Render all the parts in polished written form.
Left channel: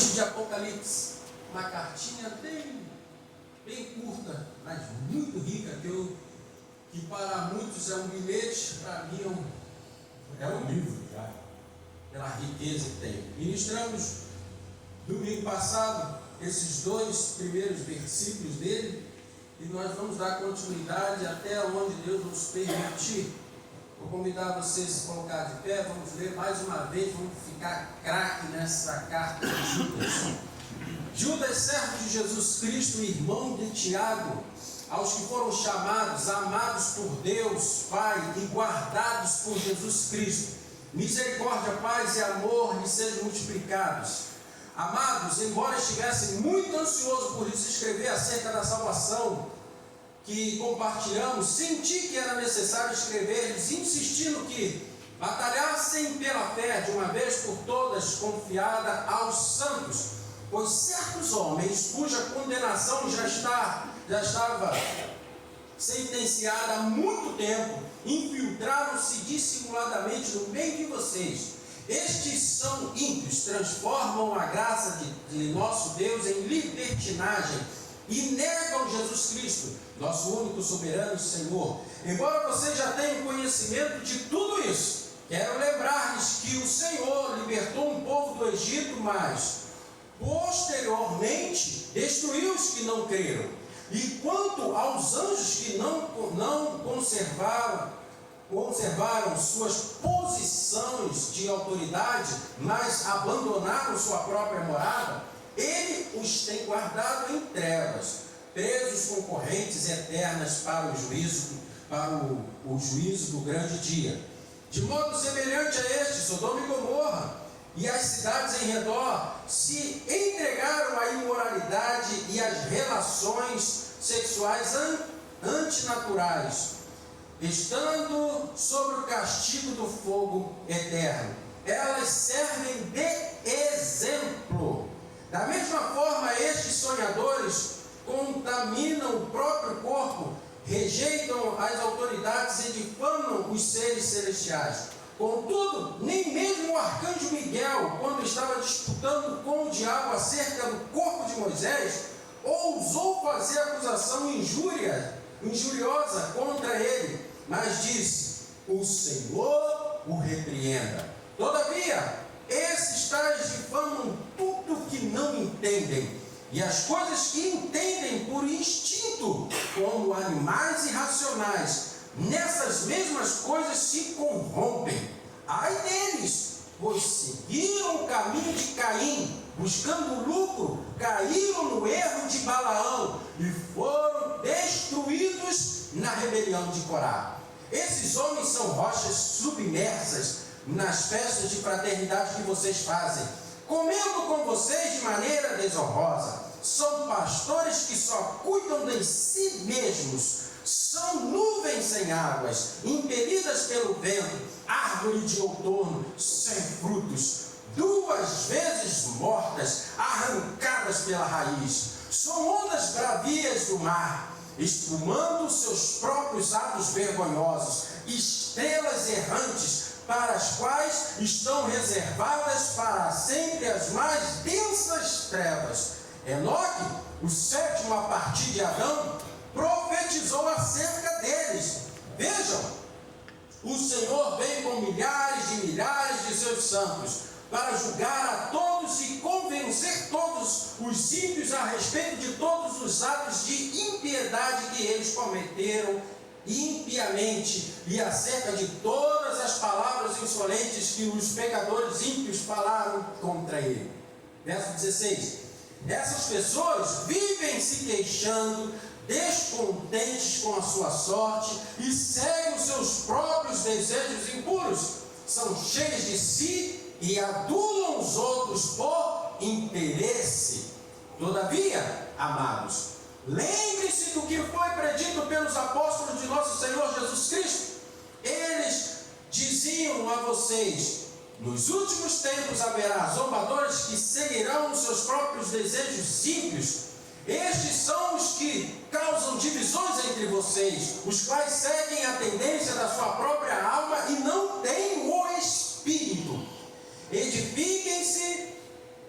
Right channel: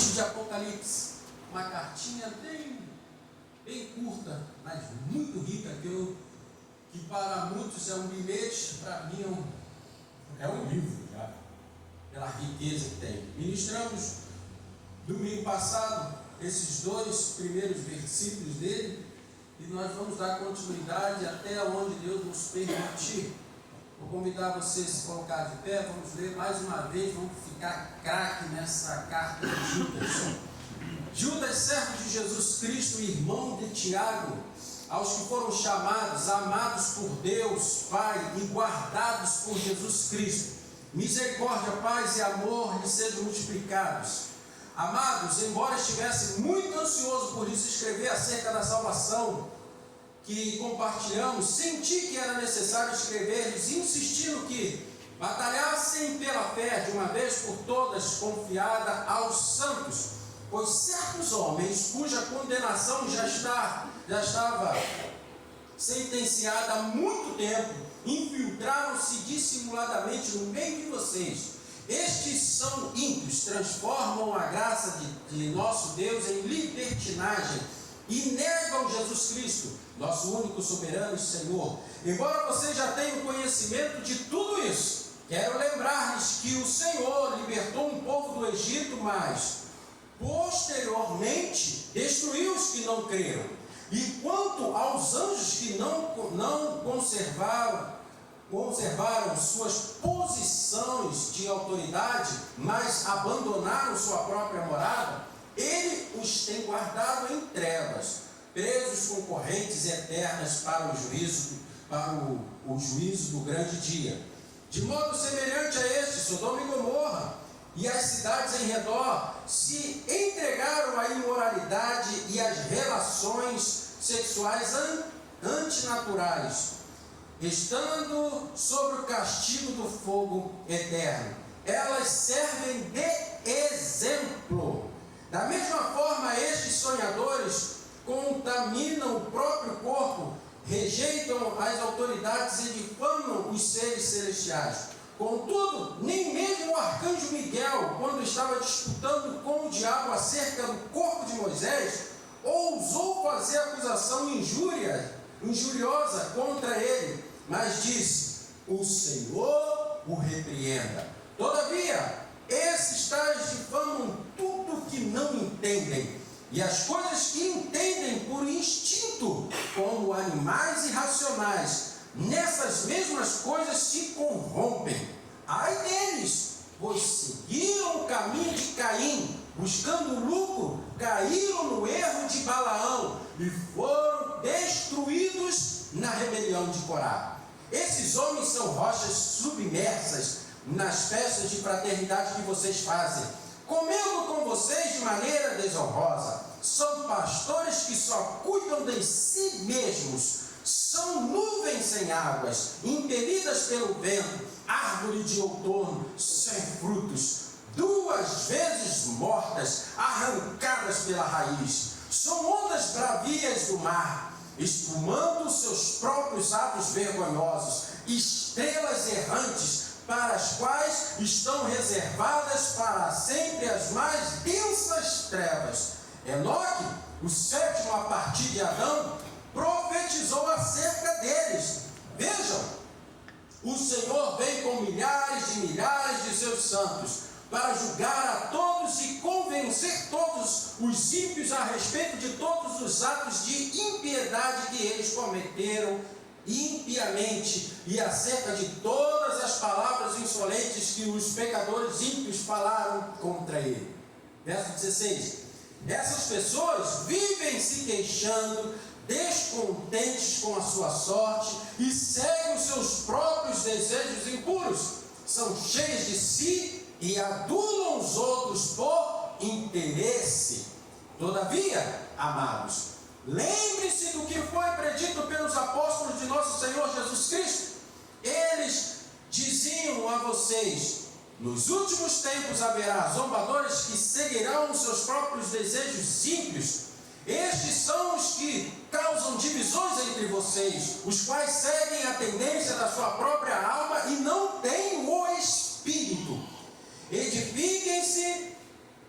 Antes de Apocalipse, uma cartinha bem curta, mas muito rica, que para muitos é um bilhete, para mim é um livro já, pela riqueza que tem. Ministramos domingo passado esses 2 primeiros versículos dele, e nós vamos dar continuidade até onde Deus nos permitir. Vou convidar vocês a se colocar de pé, vamos ler mais uma vez, vamos ficar craque nessa carta de Judas. Judas, servo de Jesus Cristo, irmão de Tiago, aos que foram chamados, amados por Deus, Pai, e guardados por Jesus Cristo, misericórdia, paz e amor lhes sejam multiplicados. Amados, embora estivesse muito ansioso por lhes escrever acerca da salvação que compartilhamos, senti que era necessário escrever-lhes, insistindo que batalhassem pela fé de uma vez por todas confiada aos santos, pois certos homens, cuja condenação já estava sentenciada há muito tempo, infiltraram-se dissimuladamente no meio de vocês. Estes são ímpios, transformam a graça de nosso Deus em libertinagem e negam Jesus Cristo, nosso único soberano e Senhor. Embora vocês já tenham conhecimento de tudo isso, quero lembrar-lhes que o Senhor libertou um povo do Egito, mas posteriormente destruiu os que não creram. E quanto aos anjos que não conservaram suas posições de autoridade, mas abandonaram sua própria morada, ele os tem guardado em trevas, presos com correntes eternas para o juízo do grande dia. De modo semelhante a este, Sodoma e Gomorra e as cidades em redor se entregaram à imoralidade e às relações sexuais antinaturais, estando sob o castigo do fogo eterno. Elas servem de exemplo. Da mesma forma, estes sonhadores contaminam o próprio corpo, rejeitam as autoridades e difamam os seres celestiais. Contudo, nem mesmo o arcanjo Miguel, quando estava disputando com o diabo acerca do corpo de Moisés, ousou fazer acusação injuriosa contra ele, mas disse: o Senhor o repreenda. Todavia, esses tais difamam tudo que não entendem, e as coisas que entendem por instinto, como animais irracionais, nessas mesmas coisas se corrompem. Ai deles, pois seguiram o caminho de Caim, buscando lucro, caíram no erro de Balaão e foram destruídos na rebelião de Corá. Esses homens são rochas submersas nas festas de fraternidade que vocês fazem, comendo com vocês de maneira desonrosa. São pastores que só cuidam de si mesmos, são nuvens sem águas, impelidas pelo vento, árvore de outono sem frutos, 2 vezes mortas, arrancadas pela raiz. São ondas bravias do mar, espumando seus próprios atos vergonhosos, estrelas errantes, para as quais estão reservadas para sempre as mais densas trevas. Enoque, o 7º a partir de Adão, profetizou acerca deles. Vejam, o Senhor vem com milhares de seus santos, para julgar a todos e convencer todos os ímpios a respeito de todos os atos de impiedade que eles cometeram impiamente, e acerca de todas as palavras insolentes que os pecadores ímpios falaram contra ele. Verso 16: essas pessoas vivem se queixando, descontentes com a sua sorte, e seguem os seus próprios desejos impuros. São cheios de si e adulam os outros por interesse. Todavia, amados, lembre-se do que foi predito pelos apóstolos de nosso Senhor Jesus Cristo. Eles diziam a vocês: nos últimos tempos haverá zombadores que seguirão os seus próprios desejos ímpios. Estes são os que causam divisões entre vocês, os quais seguem a tendência da sua própria alma e não têm o Espírito. Edifiquem-se,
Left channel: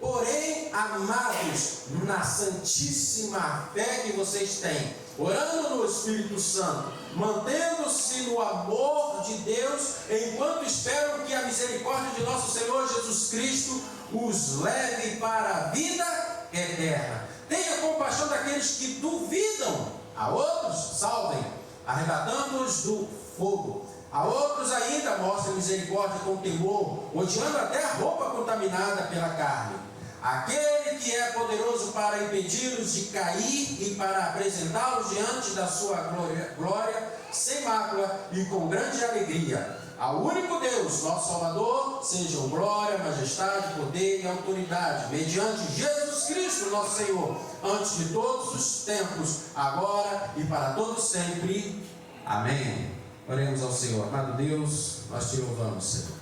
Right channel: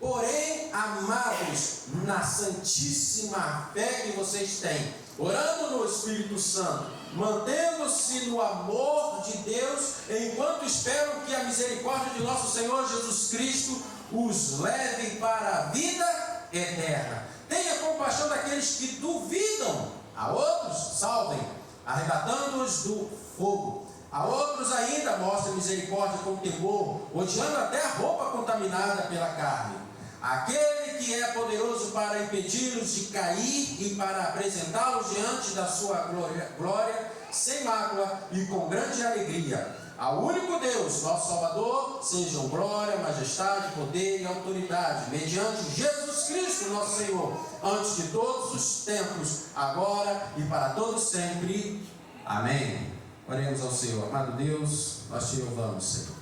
porém, amados na santíssima fé que vocês têm, orando no Espírito Santo, mantendo-se no amor de Deus, enquanto esperam que a misericórdia de nosso Senhor Jesus Cristo os leve para a vida eterna. Tenha compaixão daqueles que duvidam, a outros salvem, arrebatando-os do fogo. A outros ainda mostra misericórdia com temor, odiando até a roupa contaminada pela carne. Aquele que é poderoso para impedi-los de cair e para apresentá-los diante da sua glória, sem mácula e com grande alegria. Ao único Deus, nosso Salvador, sejam glória, majestade, poder e autoridade, mediante Jesus Cristo, nosso Senhor, antes de todos os tempos, agora e para todos sempre. Amém. Oremos ao Senhor. Amado Deus, nós te louvamos, Senhor,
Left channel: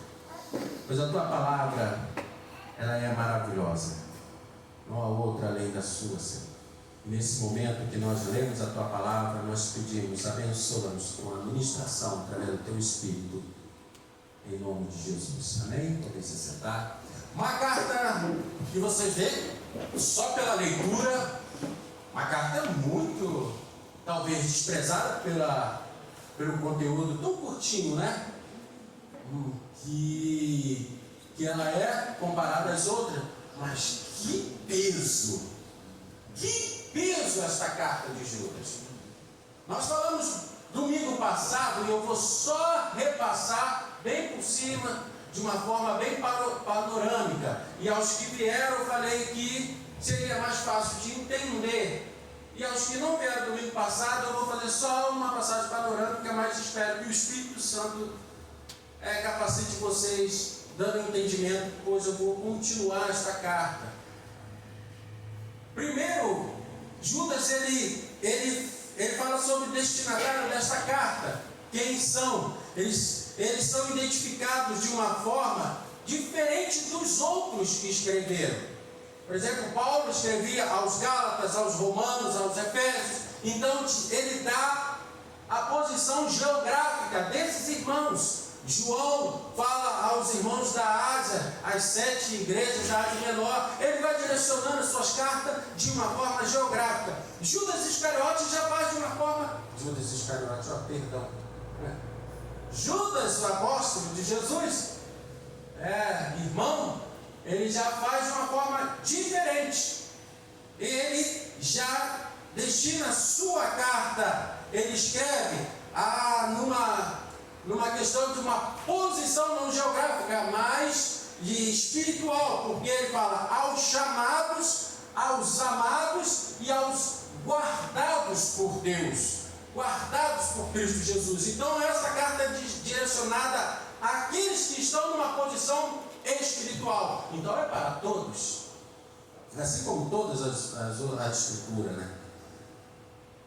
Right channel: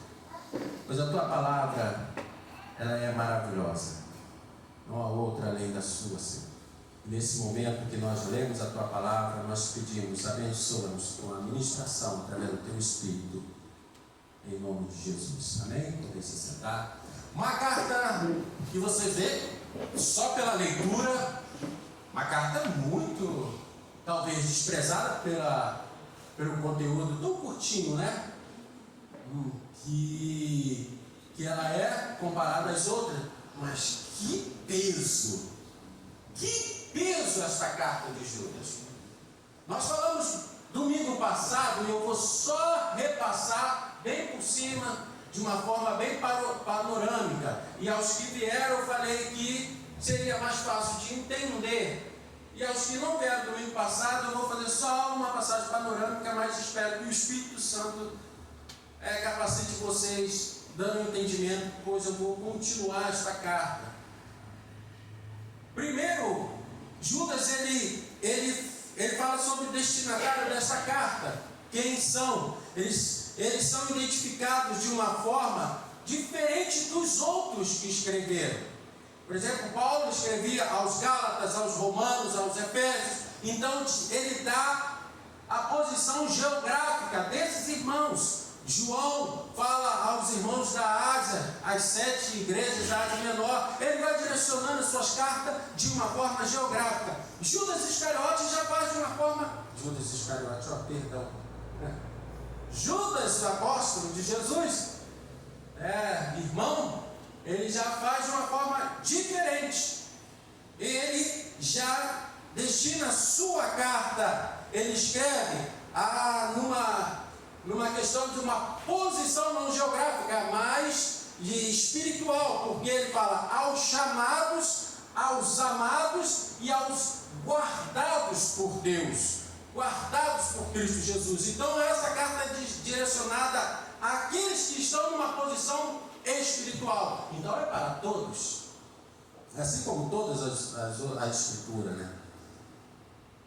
pois a tua palavra, ela é maravilhosa. Não há outra além da sua, Senhor. Nesse momento que nós lemos a tua palavra, nós pedimos, abençoa-nos com a ministração através do teu Espírito, em nome de Jesus. Amém? Podem se sentar. Uma carta que você vê só pela leitura, uma carta muito, talvez, desprezada pelo conteúdo tão curtinho, né? Que ela é comparada às outras, mas que peso esta carta de Judas. Nós falamos domingo passado, e eu vou só repassar bem por cima, de uma forma bem panorâmica, e aos que vieram eu falei que seria mais fácil de entender, e aos que não vieram domingo passado eu vou fazer só uma passagem panorâmica, mas espero que o Espírito Santo capacite vocês, dando entendimento, pois eu vou continuar esta carta. Primeiro, Judas ele fala sobre o destinatário desta carta. Quem são? Eles são identificados de uma forma diferente dos outros que escreveram. Por exemplo, Paulo escrevia aos Gálatas, aos Romanos, aos Efésios. Então ele dá a posição geográfica desses irmãos. João fala aos irmãos da Ásia, as 7 igrejas da Ásia Menor. Ele vai direcionando as suas cartas de uma forma geográfica. Judas Iscariote já faz de uma forma... Judas, o apóstolo de Jesus, irmão, ele já faz de uma forma diferente. Ele já destina a sua carta, ele escreve numa questão de uma posição não geográfica, mas de espiritual, porque ele fala aos chamados, aos amados e aos guardados por Deus, guardados por Cristo Jesus. Então essa carta é direcionada àqueles que estão numa posição espiritual, então é para todos, assim como todas as escrituras, né?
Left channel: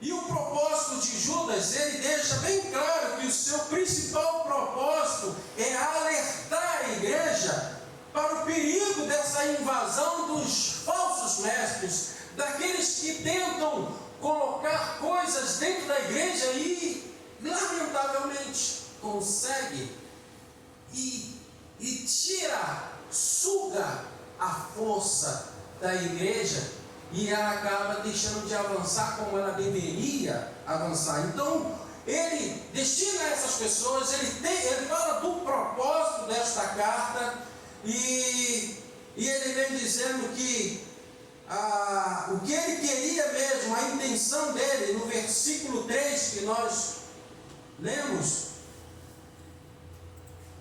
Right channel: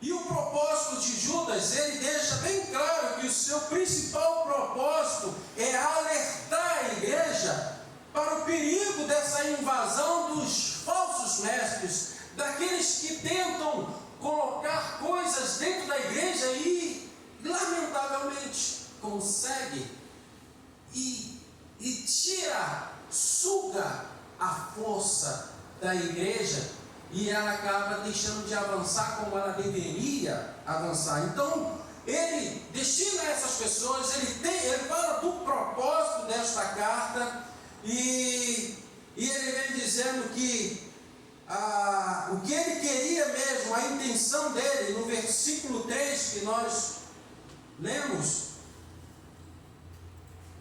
E o propósito de Judas, ele deixa bem claro que o seu principal propósito é alertar a igreja para o perigo dessa invasão dos falsos mestres, daqueles que tentam colocar coisas dentro da igreja e, lamentavelmente, consegue e suga a força da igreja, e ela acaba deixando de avançar como ela deveria avançar. Então, ele destina a essas pessoas, ele fala do propósito desta carta, e ele vem dizendo que o que ele queria mesmo, a intenção dele, no versículo 3 que nós lemos,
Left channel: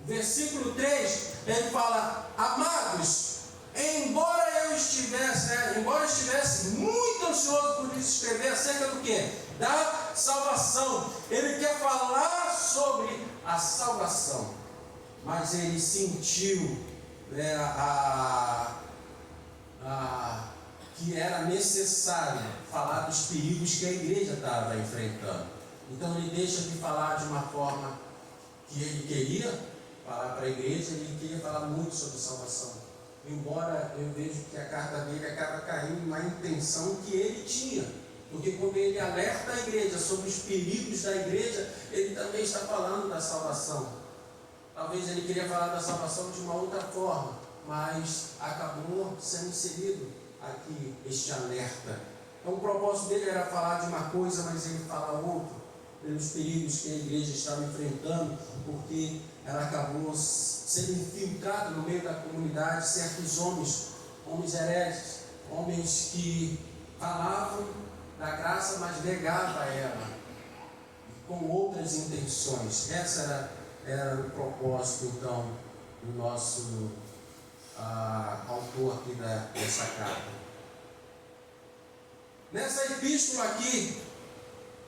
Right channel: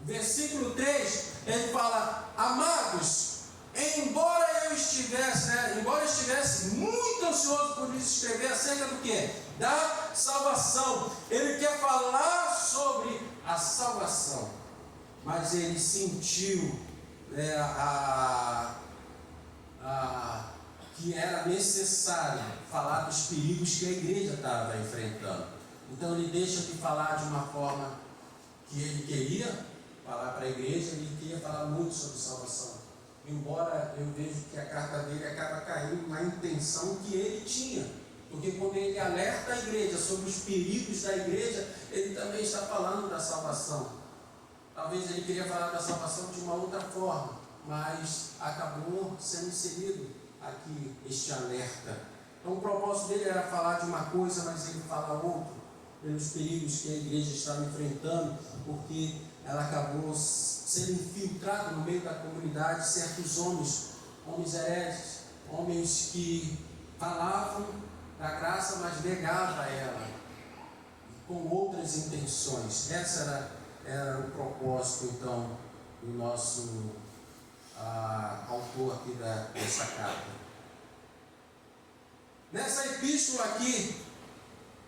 versículo 3, ele fala: amados, embora estivesse muito ansioso por escrever acerca do que? Da salvação. Ele quer falar sobre a salvação, mas ele sentiu que era necessário falar dos perigos que a igreja estava enfrentando. Então ele deixa de falar de uma forma que ele queria falar para a igreja, ele queria falar muito sobre salvação. Embora eu vejo que a carta dele acaba caindo na intenção que ele tinha, porque quando ele alerta a igreja sobre os perigos da igreja, ele também está falando da salvação. Talvez ele queria falar da salvação de uma outra forma, mas acabou sendo inserido aqui este alerta. Então o propósito dele era falar de uma coisa, mas ele fala outra, pelos perigos que a igreja estava enfrentando, porque ela acabou sendo infiltrada no meio da comunidade certos homens hereges, homens que falavam da graça, mas negavam ela, com outras intenções. Essa era o propósito, então, do nosso autor aqui dessa carta. Nessa epístola aqui,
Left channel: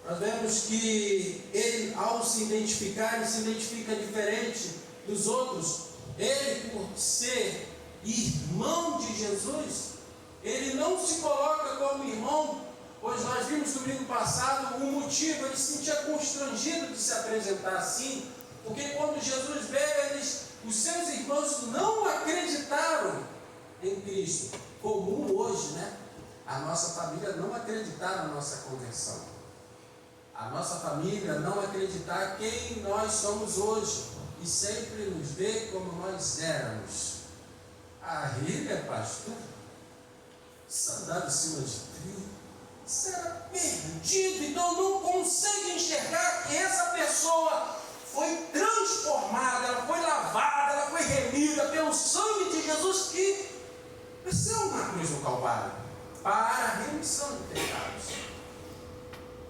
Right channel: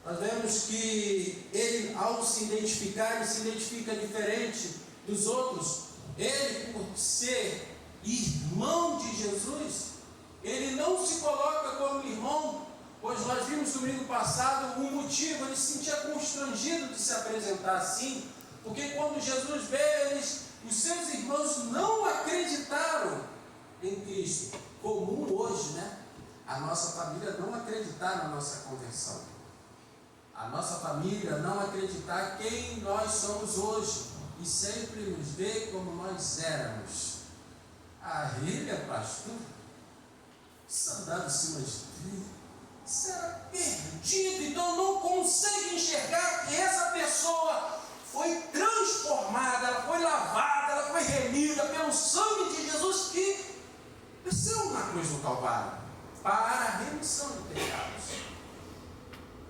nós vemos que ele, ao se identificar, ele se identifica diferente dos outros. Ele, por ser irmão de Jesus, ele não se coloca como irmão, pois nós vimos no domingo passado o motivo. Ele se sentia constrangido de se apresentar assim, porque quando Jesus veio, os seus irmãos não acreditaram em Cristo. Comum hoje, né? A nossa família não acreditar na nossa conversão. A nossa família não acreditar quem nós somos hoje e sempre nos ver como nós éramos. Rília, pastor, sandália em cima de trilho, isso era perdido, então não consegue enxergar que essa pessoa foi transformada, ela foi lavada, ela foi remida pelo sangue de Jesus, que isso é uma coisa no Calvário, para a remissão de pecados.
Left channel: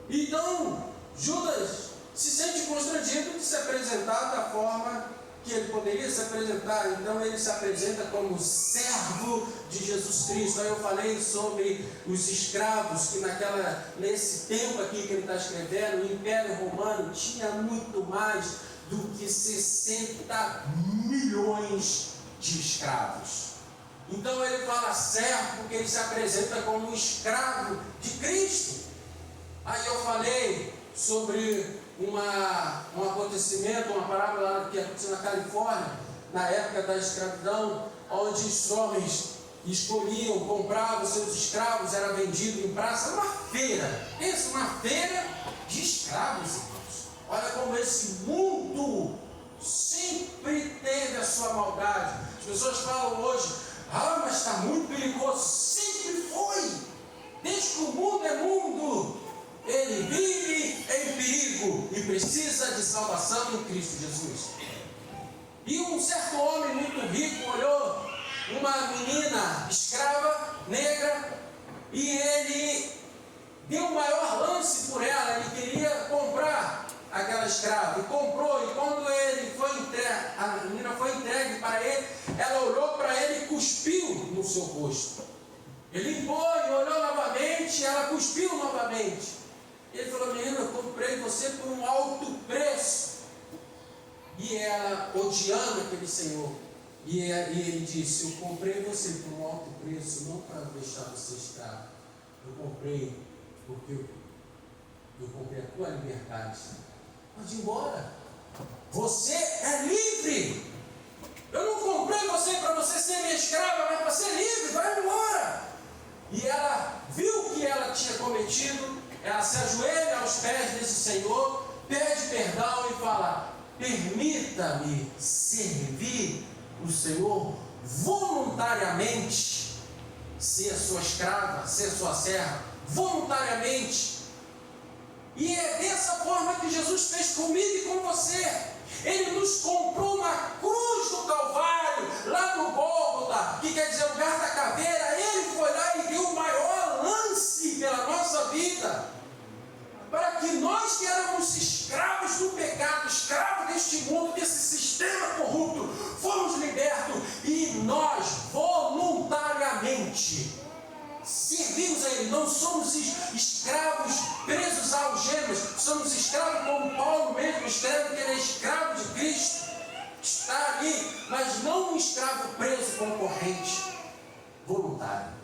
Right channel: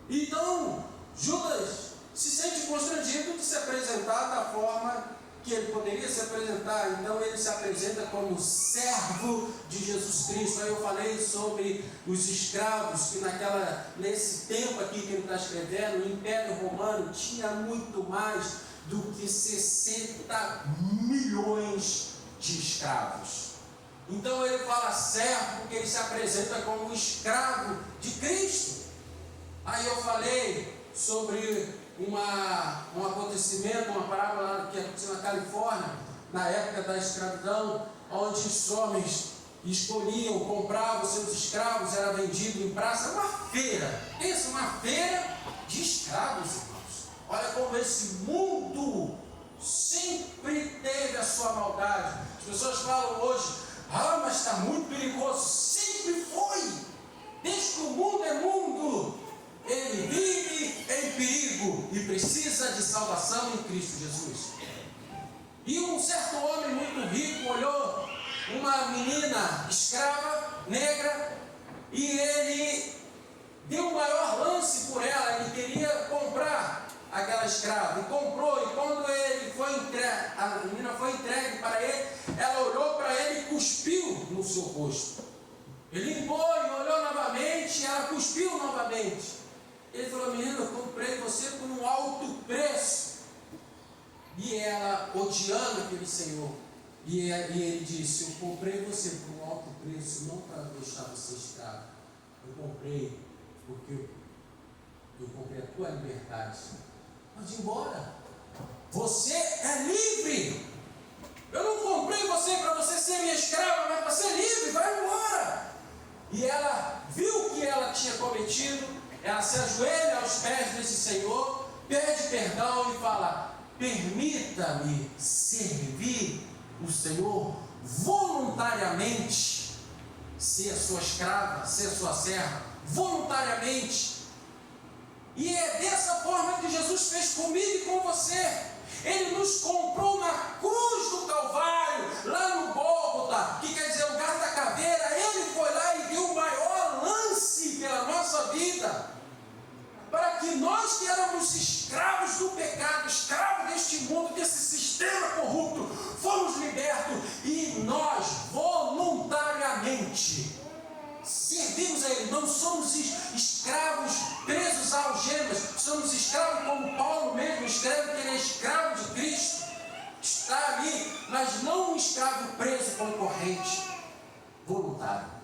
Então, Judas se sente constrangido de se apresentar da forma que ele poderia se apresentar. Então ele se apresenta como servo de Jesus Cristo. Aí eu falei sobre os escravos, que nesse tempo aqui que ele está escrevendo, o Império Romano tinha muito mais do que 60 milhões de escravos. Então ele fala servo porque ele se apresenta como um escravo de Cristo. Aí eu falei sobre um acontecimento, uma parábola que aconteceu na Califórnia, na época da escravidão, onde os homens escolhiam, compravam seus escravos, era vendido em praça, uma feira. Pensa, uma feira de escravos, irmãos. Olha como esse mundo sempre teve a sua maldade. As pessoas falam hoje, mas está muito perigoso. Sempre foi. Desde que o mundo é mundo, ele vive em perigo e precisa de salvação em Cristo Jesus. E um certo homem muito rico olhou uma menina escrava, negra, e ele deu o maior lance por ela. Ele queria comprar aquela escrava, e comprou. E quando a menina foi entregue para ele, ela olhou para ele e cuspiu no seu rosto. Ele limpou e olhou novamente, e ela cuspiu novamente. Ele falou: menina, eu comprei você por um alto preço. E ela, odiando aquele senhor, e ele disse: eu comprei você por um alto preço, não para deixar você escravo. Eu comprei porque eu comprei a tua liberdade. Pode ir embora. Você é livre. Eu não comprei você para você ser minha escrava, mas para ser livre. Vai embora. E ela viu o que ela tinha cometido. Ela se ajoelha aos pés desse Senhor, pede perdão e fala: permita-me servir o Senhor voluntariamente, ser sua escrava, ser sua serva, voluntariamente. E é dessa forma que Jesus fez comigo e com você. Ele nos comprou na cruz do Calvário, lá no Gólgota, que quer dizer lugar da caveira. Ele foi lá e deu o maior lance pela nossa vida, para que nós que éramos escravos do pecado, escravos deste mundo, desse sistema corrupto, fomos libertos, e nós voluntariamente servimos a Ele. Não somos escravos presos a algemas, somos escravos como Paulo mesmo escreve, que ele é escravo de Cristo, está ali, mas não um escravo preso com corrente, voluntário.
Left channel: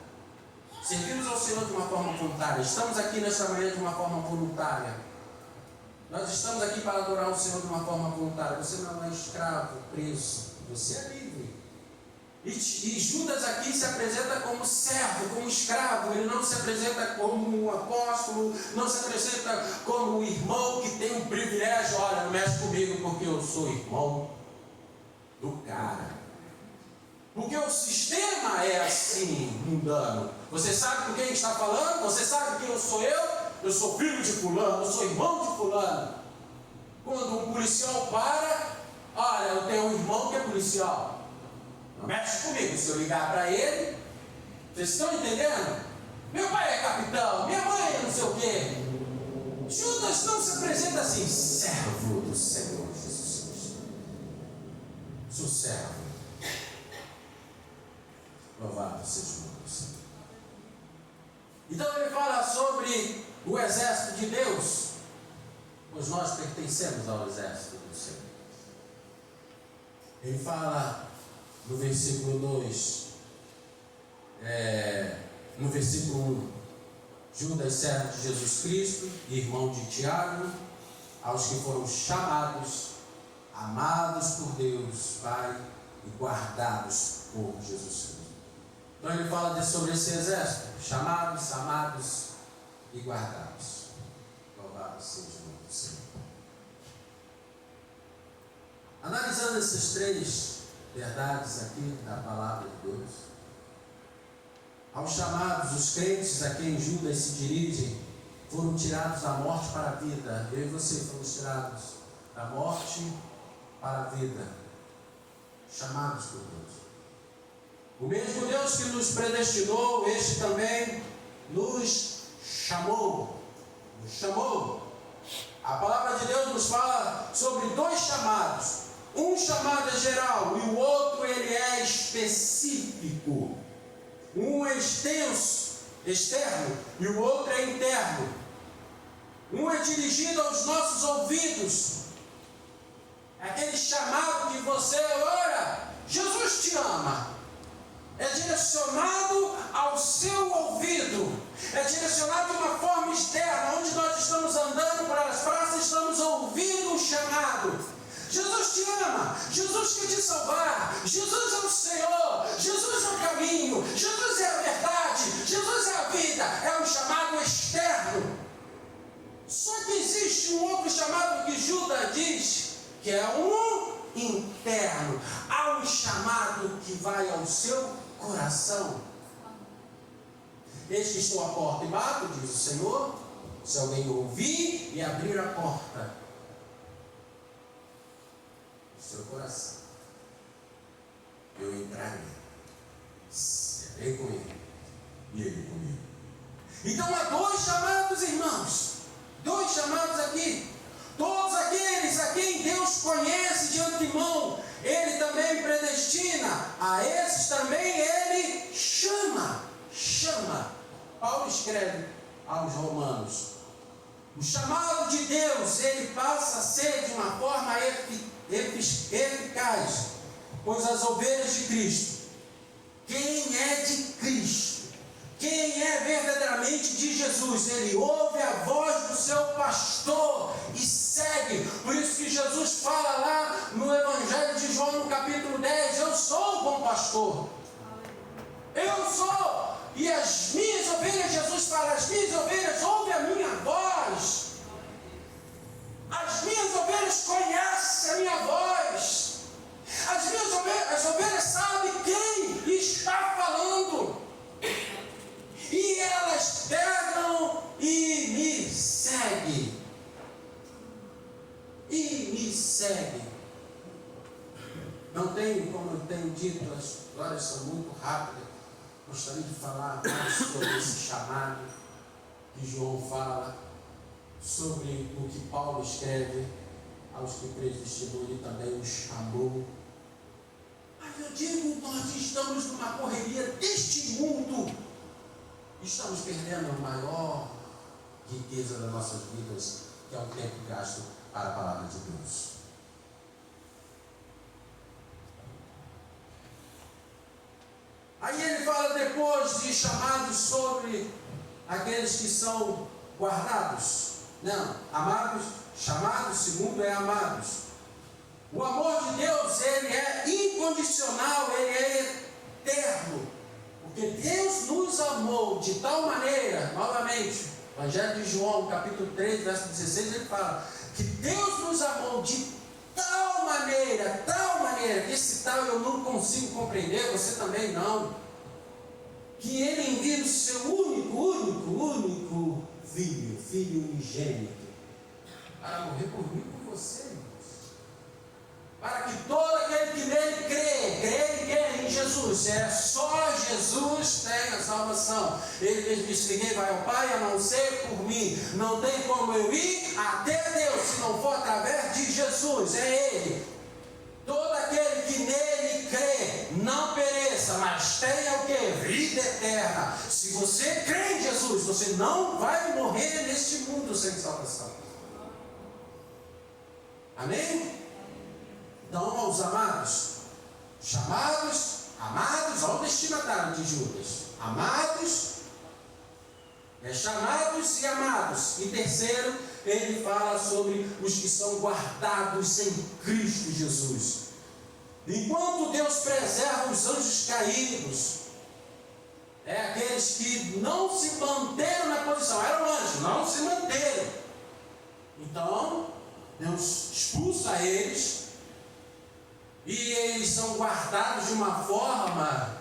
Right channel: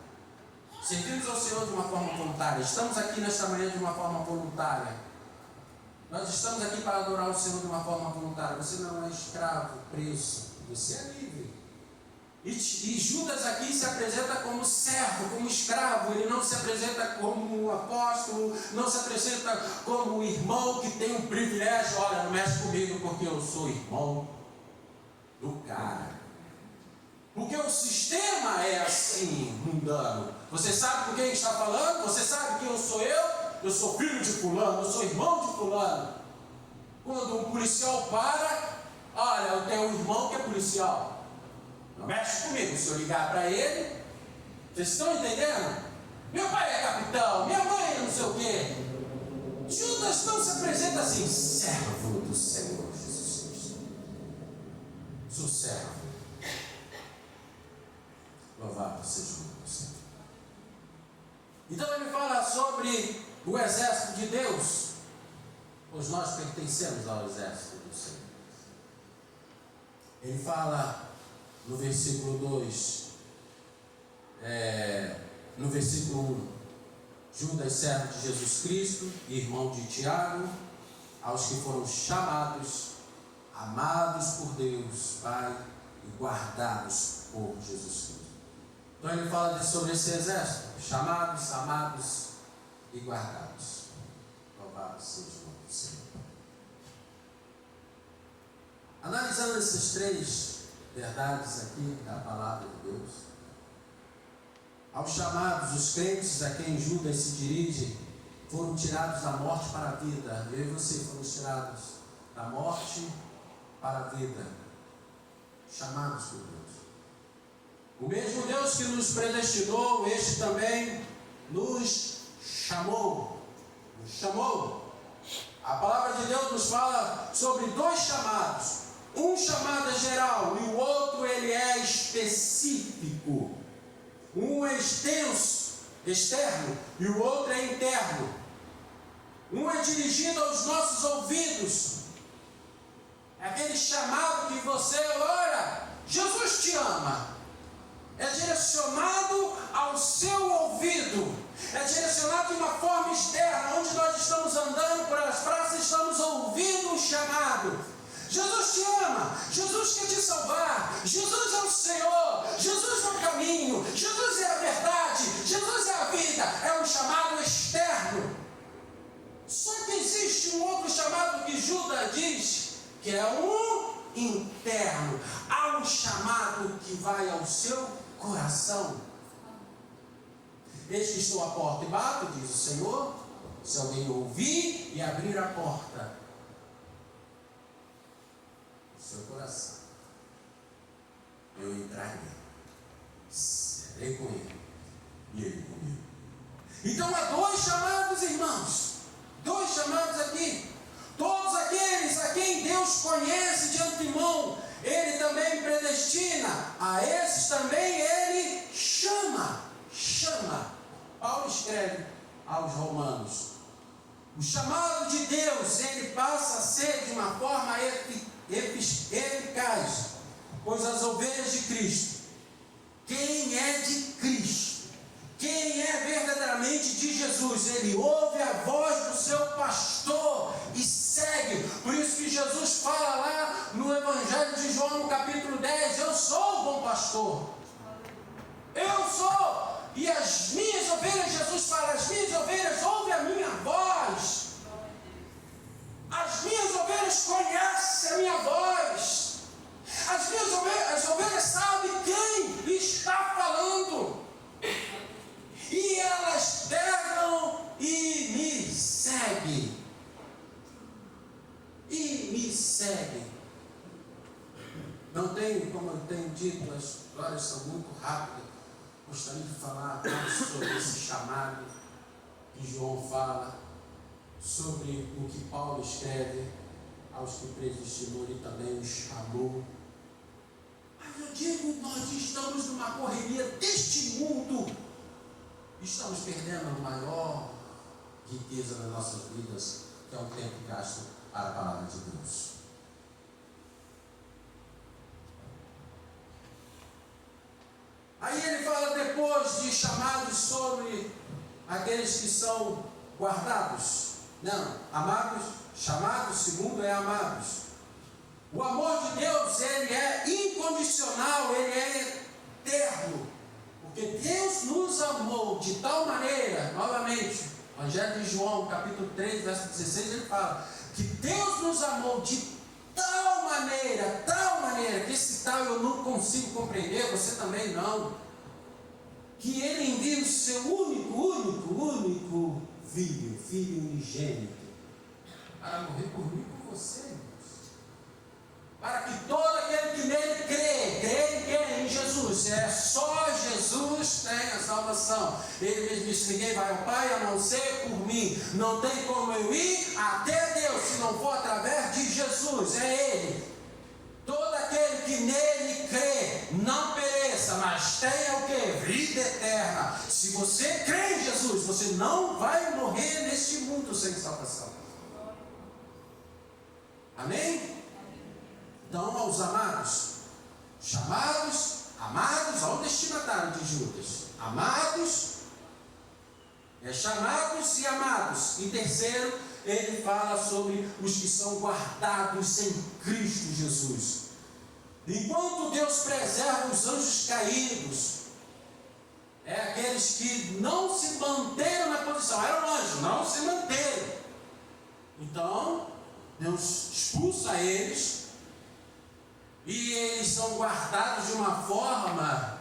Servimos ao Senhor de uma forma voluntária. Estamos aqui nesta manhã de uma forma voluntária. Nós estamos aqui para adorar o Senhor de uma forma voluntária. Você não é escravo, preso, você é livre. E Judas aqui se apresenta como servo, como escravo. Ele não se apresenta como um apóstolo, não se apresenta como um irmão que tem um privilégio. Olha, não mexe comigo porque eu sou irmão do cara. Porque o sistema é assim, mundano. Você sabe com quem está falando? Você sabe quem eu sou eu? Eu sou filho de fulano, eu sou irmão de fulano. Quando um policial para, olha, eu tenho um irmão que é policial. Não mexe comigo, se eu ligar para ele, vocês estão entendendo? Meu pai é capitão, minha mãe é não sei o quê. Judas não se apresenta assim, servo do Senhor Jesus Cristo. Sou servo. Louvado seja o nome do Senhor. Então ele fala sobre o exército de Deus, pois nós pertencemos ao exército do Senhor. Ele fala no versículo 2, no versículo 1, Judas, servo de Jesus Cristo, irmão de Tiago, aos que foram chamados, amados por Deus, Pai, e guardados por Jesus Cristo. Então ele fala sobre esse exército, chamados, amados e guardados. Louvado seja o nome do Senhor. Analisando essas três verdades aqui da palavra de Deus, aos chamados, os crentes a quem Judas se dirige, foram tirados da morte para a vida. Eu e você fomos tirados da morte para a vida, chamados por Deus. O mesmo Deus que nos predestinou, este também nos chamou. A palavra de Deus nos fala sobre dois chamados. Um chamado é geral e o outro ele é específico. Um é extenso, externo, e o outro é interno. Um é dirigido aos nossos ouvidos. É aquele chamado que você ora, Jesus te ama. É direcionado ao seu ouvido. É direcionado de uma forma externa, onde nós estamos andando para as praças, estamos ouvindo o chamado. Jesus te ama, Jesus quer te salvar, Jesus é o Senhor, Jesus é o caminho, Jesus é a verdade, Jesus é a vida, é um chamado externo. Só que existe um outro chamado que Judas diz, que é um interno. Há um chamado que vai ao seu coração. Eis que estou à porta e bato, diz o Senhor, se alguém ouvir e abrir a porta, seu coração, eu entrarei, serei com ele e ele comigo. Então há dois chamados, irmãos, dois chamados aqui. Todos aqueles a quem Deus conhece de antemão, Ele também predestina, a esses também Ele chama. Paulo escreve aos Romanos, o chamado de Deus, ele passa a ser de uma forma eficaz, pois as ovelhas de Cristo, quem é de Cristo, quem é verdadeiramente de Jesus, ele ouve a voz do seu pastor e segue. Por isso que Jesus fala lá no Evangelho de João, no capítulo 10, eu sou o bom pastor, eu sou, e as minhas ovelhas, Jesus fala, as minhas ovelhas ouvem a minha voz. As minhas ovelhas conhecem a minha voz. As ovelhas sabem quem está falando. E elas pegam e me seguem. Não tenho, como eu tenho dito, as histórias são muito rápidas. Gostaria de falar mais sobre esse chamado que João fala, sobre o que Paulo escreve aos que predestinou e também os chamou. Mas eu digo, nós estamos numa correria deste mundo, estamos perdendo a maior riqueza das nossas vidas, que é o tempo gasto para a palavra de Deus. Aí ele fala depois de chamados sobre aqueles que são guardados. Não, amados, chamados, segundo é amados. O amor de Deus, ele é incondicional, ele é eterno. Porque Deus nos amou de tal maneira, novamente, Evangelho de João, capítulo 3, verso 16, ele fala que Deus nos amou de tal maneira, que esse tal eu não consigo compreender, você também não, que ele envia o seu único filho unigênito, para morrer por mim e por você, irmãos. Para que todo aquele que nele crê em Jesus, é só Jesus tem a salvação. Ele mesmo disse: ninguém vai ao Pai a não ser por mim. Não tem como eu ir até Deus se não for através de Jesus. É Ele. Todo aquele que nele crê não pereça, mas tenha o que? Vida eterna. Se você crê em Jesus, você não vai morrer neste mundo sem salvação. Amém? Então, aos amados, chamados, amados, olha o destinatário de Judas: amados, chamados e amados. E terceiro, ele fala sobre os que são guardados em Cristo Jesus. Enquanto Deus preserva os anjos caídos, aqueles que não se manteram na posição, eram anjos, não se manteram. Então, Deus expulsa eles, e eles são guardados de uma forma,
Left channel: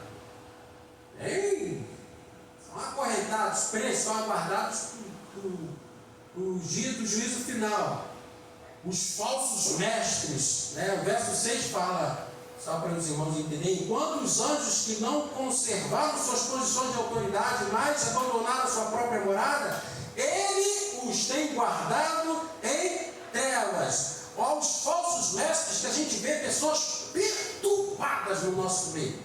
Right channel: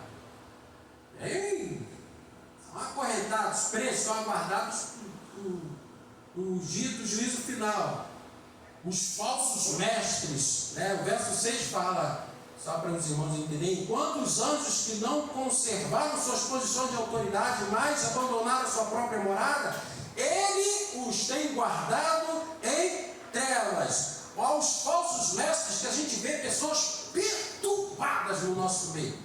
são acorrentados, presos, são aguardados o dia do juízo final. Os falsos mestres, o verso 6 fala, só para os irmãos entenderem: enquanto os anjos que não conservaram suas posições de autoridade, mas abandonaram sua própria morada, ele os tem guardado em trevas. Aos falsos mestres, que a gente vê pessoas perturbadas no nosso meio,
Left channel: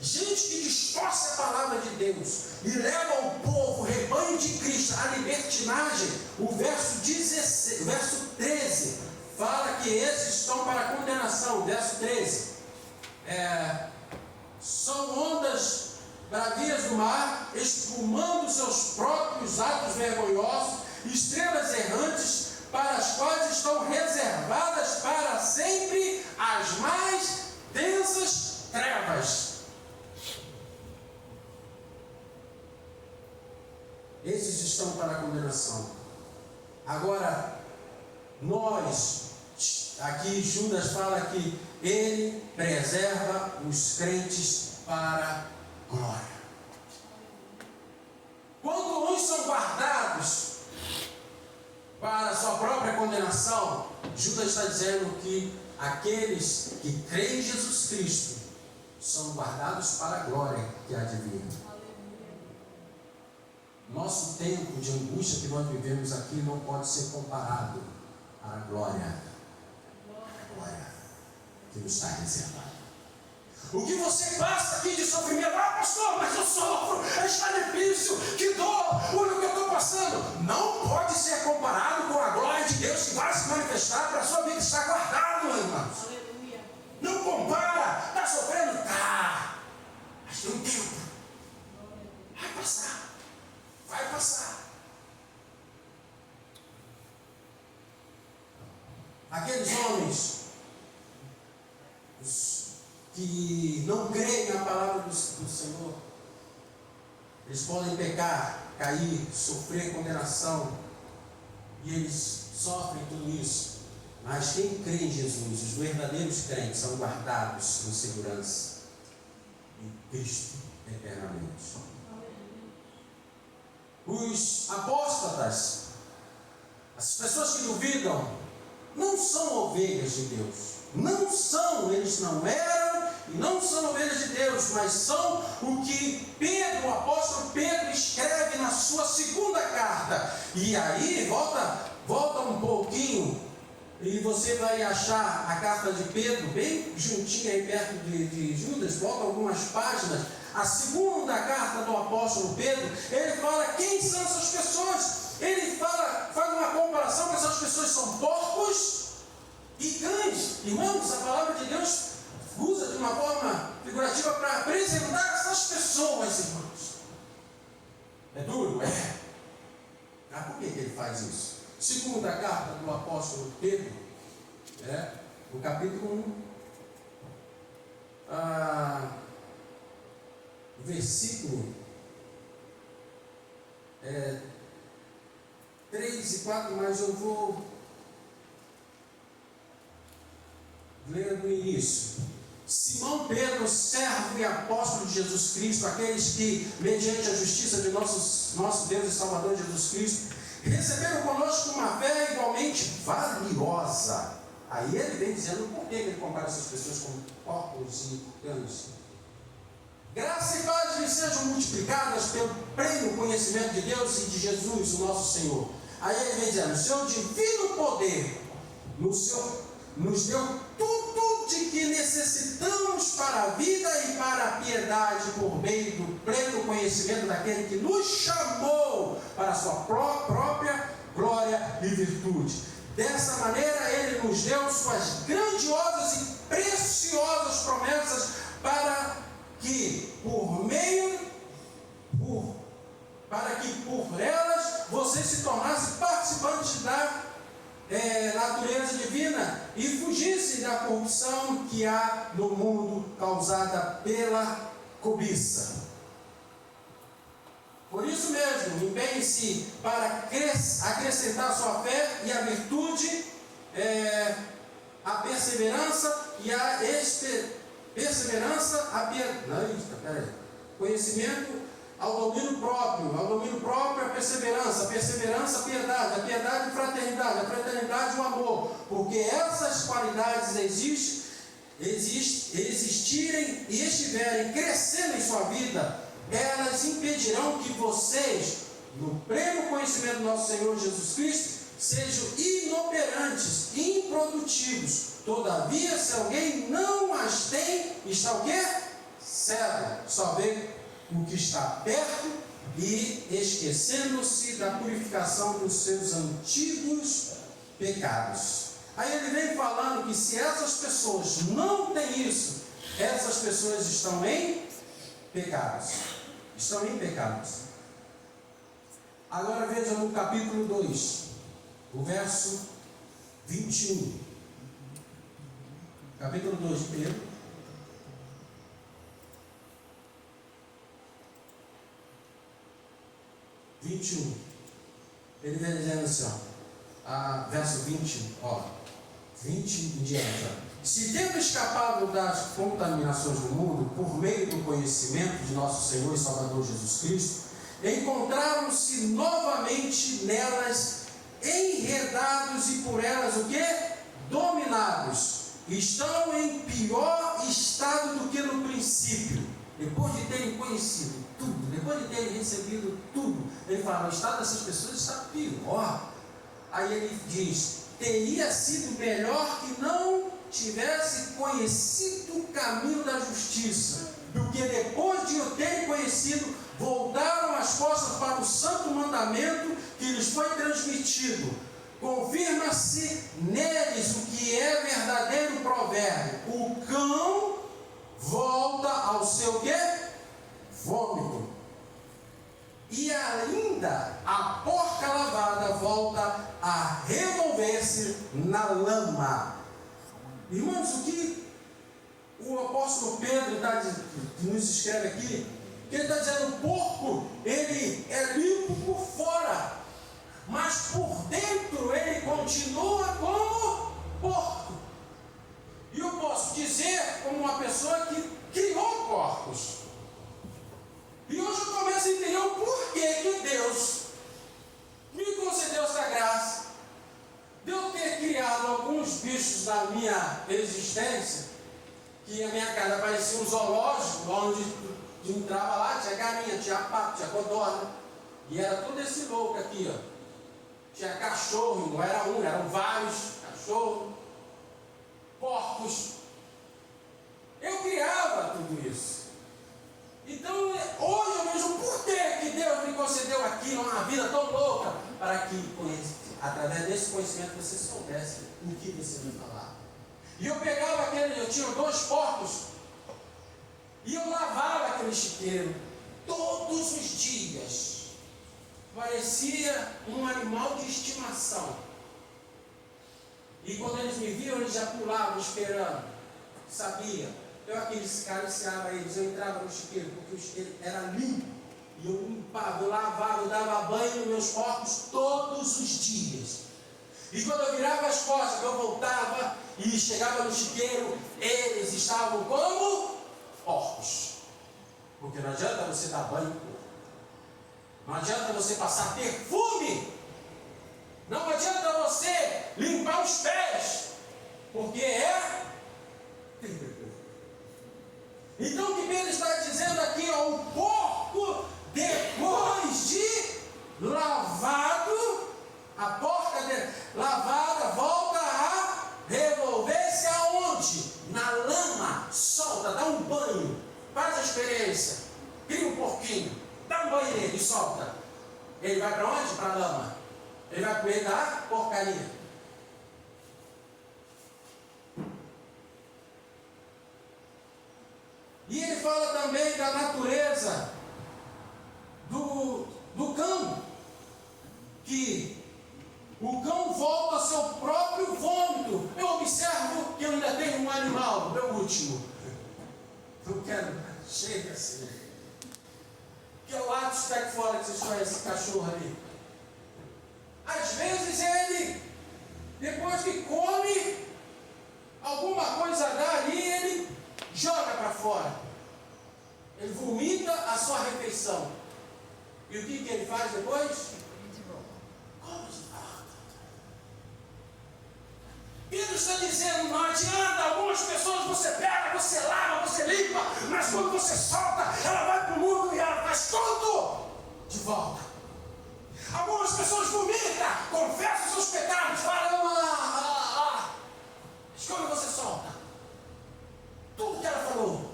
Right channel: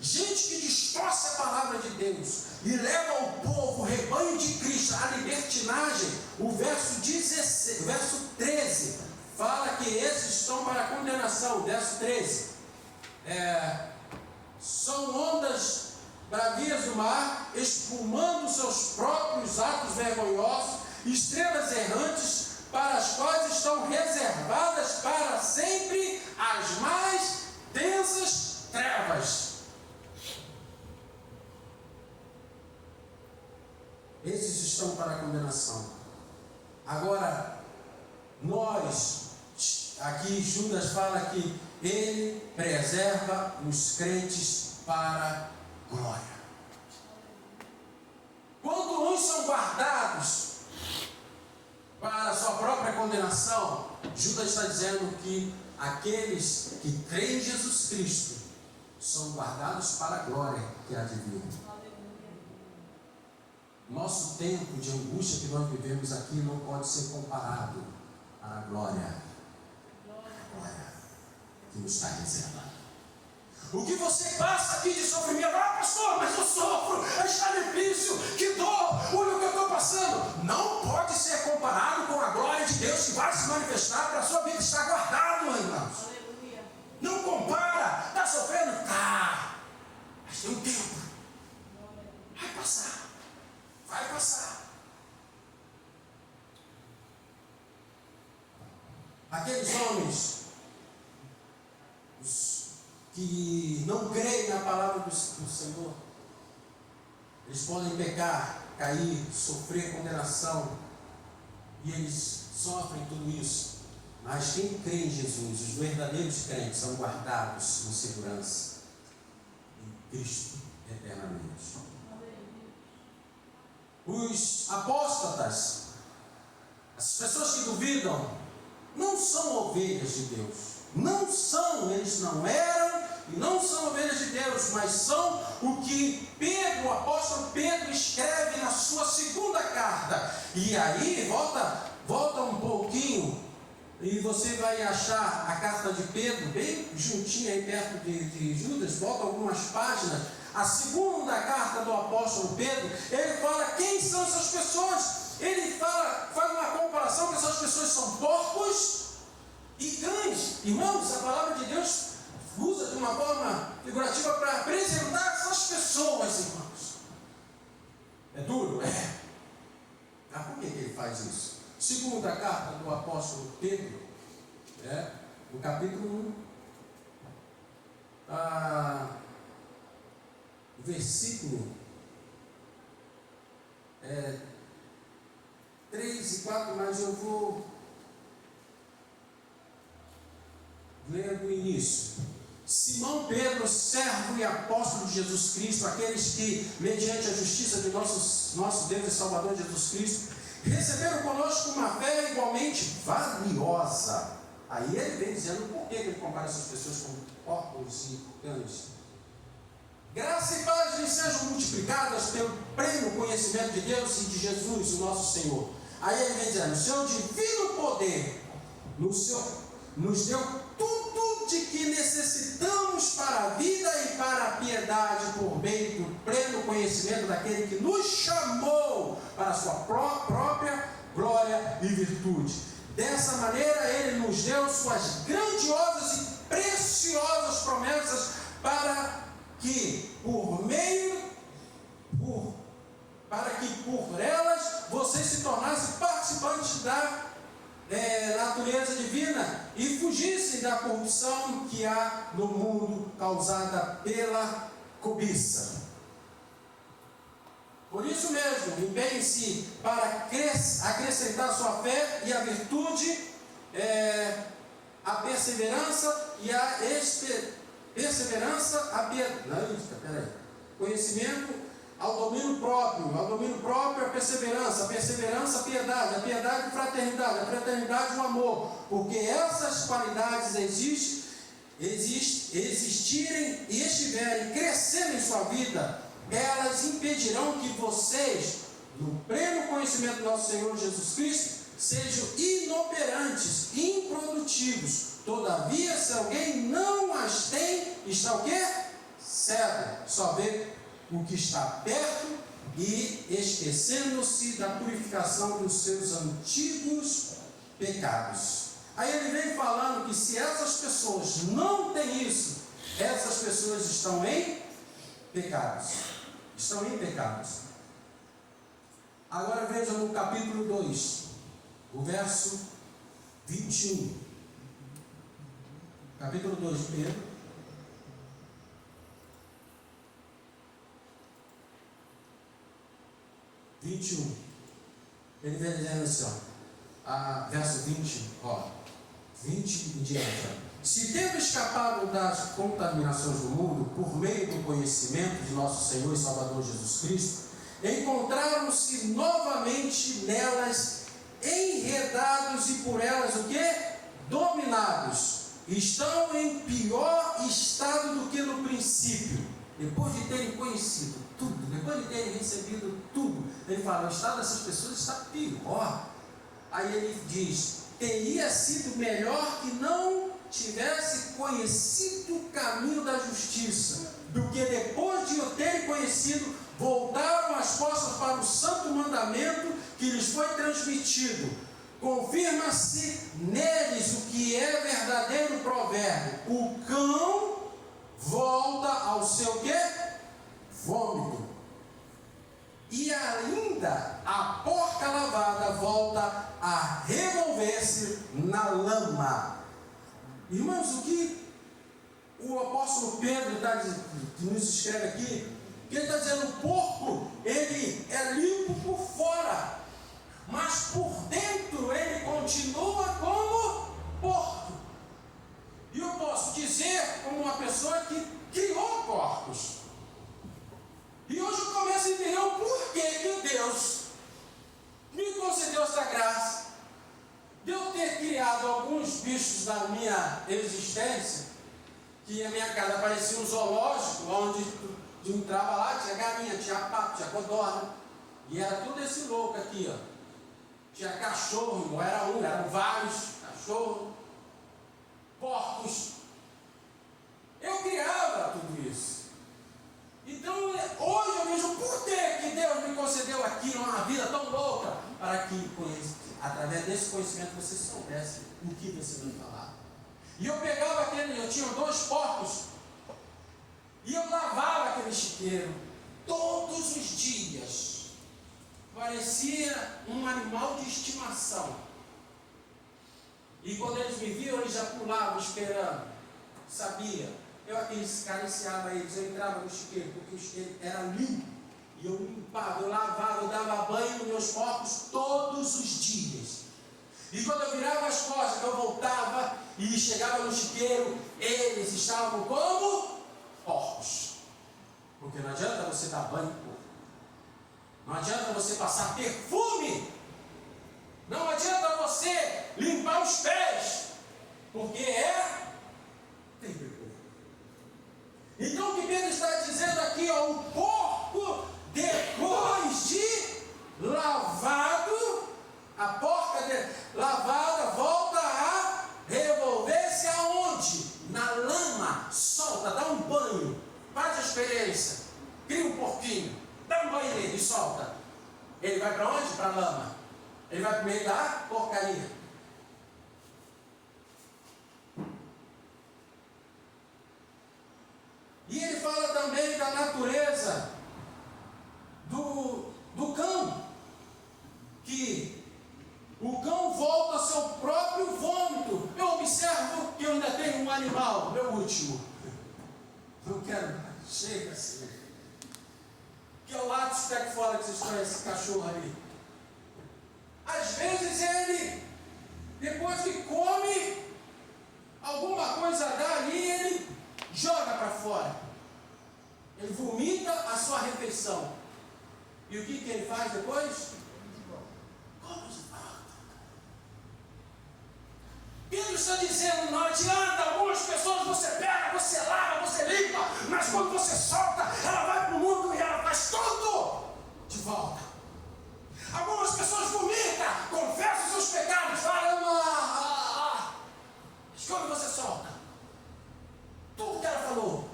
gente que distorce a palavra de Deus e leva o povo, o rebanho de Cristo, à libertinagem. O verso 13 fala que esses estão para a condenação. Verso 13: são ondas bravias do mar, espumando seus próprios atos vergonhosos, estrelas errantes, para as quais estão reservadas para sempre as mais densas trevas. Esses estão para a condenação. Agora, aqui Judas fala que ele preserva os crentes para a glória. Quando uns são guardados para a sua própria condenação, Judas está dizendo que aqueles que creem em Jesus Cristo são guardados para a glória que há de vir. Nosso tempo de angústia que nós vivemos aqui não pode ser comparado à glória que nos está reservada. O que você passa aqui de sofrimento: pastor, mas eu sofro, está difícil, que dor, o que eu estou passando, não pode ser comparado com a glória de Deus que vai se manifestar para a sua vida. Está guardado, irmãos. Aleluia. Não compara. Está sofrendo? Tá, mas tem um tempo, vai passar. Aqueles homens que não creem na palavra do Senhor, eles podem pecar, cair, sofrer condenação, e eles sofrem tudo isso. Mas quem crê em Jesus, os verdadeiros crentes, são guardados em segurança em Cristo eternamente. Os apóstatas, as pessoas que duvidam, não são ovelhas de Deus. Não são, eles não eram e não são ovelhas de Deus, mas são o que Pedro, o apóstolo Pedro, escreve na sua segunda carta. E aí, volta um pouquinho, e você vai achar a carta de Pedro bem juntinha aí perto de Judas. Volta algumas páginas. A segunda carta do apóstolo Pedro, ele fala quem são essas pessoas. Ele faz uma comparação que essas pessoas são porcos e cães. Irmãos, a palavra de Deus usa de uma forma figurativa para apresentar essas pessoas, irmãos. É duro? É. Mas por que ele faz isso? Segunda carta do apóstolo Pedro, no capítulo 1, versículo 3 e 4, mas eu vou ler do início. Simão Pedro, servo e apóstolo de Jesus Cristo, aqueles que, mediante a justiça de nosso Deus e Salvador Jesus Cristo, receberam conosco uma fé igualmente valiosa. Aí ele vem dizendo por que ele compara essas pessoas com porcos e cães. Graça e paz lhes sejam multiplicadas pelo pleno conhecimento de Deus e de Jesus, o nosso Senhor. Aí ele vem dizendo, o seu divino poder nos deu tudo de que necessitamos para a vida e para a piedade, por meio do pleno conhecimento daquele que nos chamou para a sua própria glória e virtude. Dessa maneira ele nos deu suas grandiosas e preciosas promessas para que por elas você se tornasse participante da natureza divina e fugisse da corrupção que há no mundo causada pela cobiça. Por isso mesmo, empenhe-se para acrescentar a sua fé e a virtude, a perseverança e a conhecimento, ao domínio próprio a perseverança, a piedade, a piedade e fraternidade, a fraternidade e o amor, porque essas qualidades existirem e estiverem crescendo em sua vida, elas impedirão que vocês, no pleno conhecimento do nosso Senhor Jesus Cristo, sejam inoperantes, improdutivos. Todavia, se alguém não as tem, está o quê? Cego, só vê o que está perto e esquecendo-se da purificação dos seus antigos pecados. Aí ele vem falando que se essas pessoas não têm isso, essas pessoas estão em pecados. Estão em pecados. Agora veja no capítulo 2, o verso 21. Capítulo 2 de Pedro. Ele vem dizendo assim, verso 20, 20 em diante. Se tendo escapado das contaminações do mundo, por meio do conhecimento de nosso Senhor e Salvador Jesus Cristo, encontraram-se novamente nelas, enredados e por elas o quê? Dominados. Estão em pior estado do que no princípio. Depois de terem conhecido tudo, depois de terem recebido tudo, ele fala, o estado dessas pessoas está pior. Aí ele diz, teria sido melhor que não tivesse conhecido o caminho da justiça, porque depois de o terem conhecido, voltaram as costas para o santo mandamento que lhes foi transmitido. Confirma-se neles o que é verdadeiro provérbio: o cão volta ao seu quê? Vômito. E ainda a porca lavada volta a revolver-se na lama. Irmãos, o que o apóstolo Pedro nos escreve aqui, que ele está dizendo, o porco, ele é limpo por fora, mas por dentro ele continua como porco. E eu posso dizer como uma pessoa que criou porcos. E hoje eu começo a entender o porquê que Deus me concedeu essa graça de eu ter criado alguns bichos da minha existência, que a minha casa parecia um zoológico, onde entrava lá, tinha galinha, tinha pato, tinha codorna, e era tudo esse louco aqui, ó. Tinha cachorro, não era um, eram vários cachorros, porcos. Eu criava tudo isso. Então, hoje eu vejo por que Deus me concedeu aqui uma vida tão louca, para que, através desse conhecimento, você soubesse o que você me falar. E eu pegava eu tinha 2 porcos, e eu lavava aquele chiqueiro todos os dias. Parecia um animal de estimação. E quando eles me viam, eles já pulavam esperando. Sabia. Eu acariciava eles, eu entrava no chiqueiro, porque o chiqueiro era limpo. E eu limpava, eu lavava, eu dava banho nos meus porcos todos os dias. E quando eu virava as costas, que eu voltava, e chegava no chiqueiro, eles estavam como porcos. Porque não adianta você dar banho em porco, não adianta você passar perfume, não adianta você limpar os pés, porque é terrível. Então o que Pedro está dizendo aqui, ó, o porco, depois de lavado, a porca lavada volta a revolver-se aonde? Na lama. Solta, dá um banho, faz a experiência, cria um porquinho, dá um banho nele e solta. Ele vai para onde? Para a lama. Ele vai para o meio da porcaria. E ele fala também da natureza do cão, que o cão volta ao seu próprio vômito. Eu observo que eu ainda tenho um animal, meu último. Não quero, chega assim. Que é o Atos Pec Fora, que vocês conhecem esse cachorro ali. Às vezes ele, depois que come, alguma coisa dá ali, ele joga para fora. Ele vomita a sua refeição. E o que ele faz depois? Come de volta. Pedro está dizendo, não adianta, algumas pessoas você pega, você lava, você limpa, mas quando você solta, ela vai para o mundo e ela faz tudo de volta. Algumas pessoas vomitam, confessam seus pecados, falam, mas quando você solta, tudo que ela falou,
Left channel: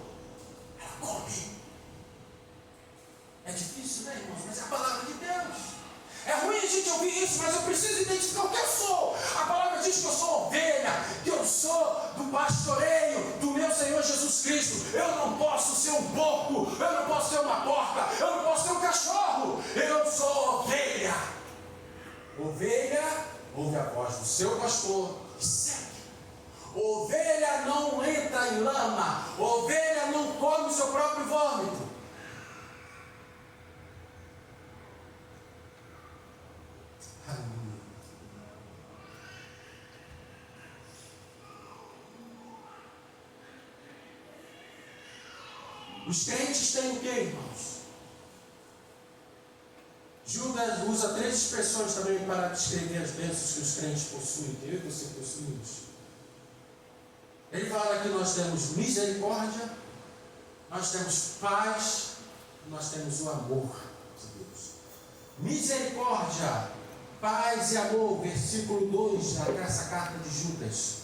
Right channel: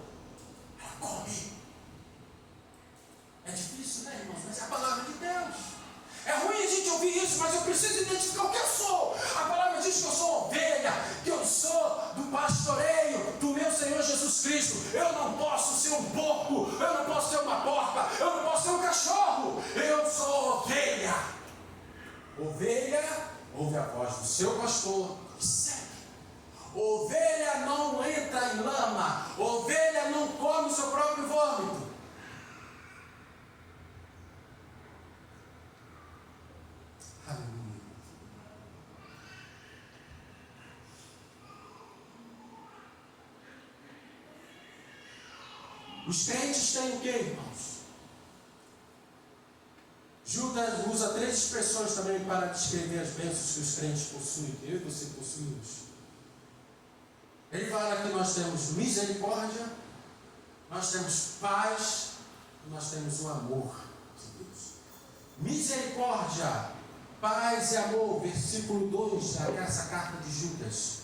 ela come. É difícil, né, irmãos? Mas é a palavra de Deus. É ruim a gente ouvir isso, mas eu preciso identificar o que eu sou. A palavra diz que eu sou ovelha, que eu sou do pastoreio do meu Senhor Jesus Cristo. Eu não posso ser um porco, eu não posso ser uma porca, eu não posso ser um cachorro. Eu sou ovelha. Ovelha ouve a voz do seu pastor e segue. Ovelha não entra em lama, ovelha não come o seu próprio vômito. Os crentes têm o que, irmãos? Judas usa 3 expressões também para descrever as bênçãos que os crentes possuem, que eu e você possuímos. Ele fala que nós temos misericórdia, nós temos paz, nós temos o amor de Deus. Misericórdia, paz e amor, versículo 2 dessa carta de Judas.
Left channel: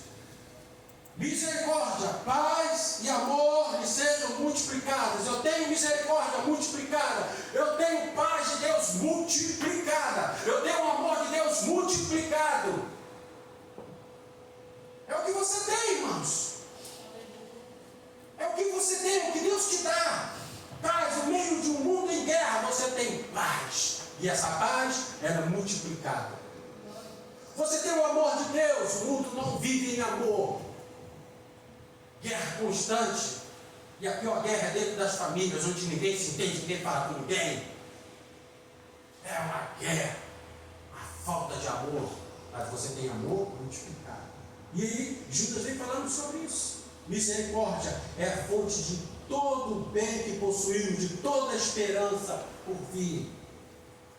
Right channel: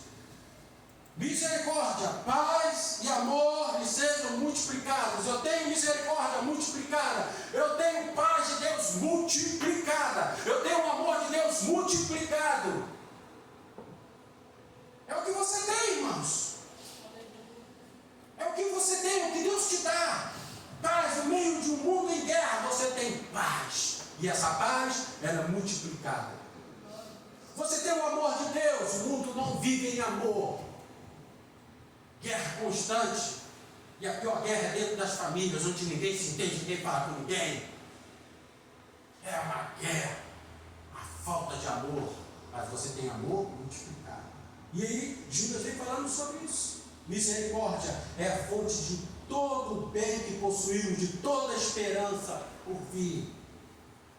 Misericórdia, paz e amor lhe sejam multiplicadas. Eu tenho misericórdia multiplicada. Eu tenho paz de Deus multiplicada. Eu tenho o amor de Deus multiplicado. É o que você tem, irmãos. É o que você tem, é o que Deus te dá. Paz, no meio de um mundo em guerra, você tem paz. E essa paz, ela é multiplicada. Você tem o amor de Deus. O mundo não vive em amor. Guerra constante, e a pior guerra é dentro das famílias, onde ninguém se entende, ninguém fala com ninguém. É uma guerra, a falta de amor, mas você tem amor multiplicado. E aí, Judas vem falando sobre isso. Misericórdia é a fonte de todo o bem que possuímos, de toda a esperança por vir.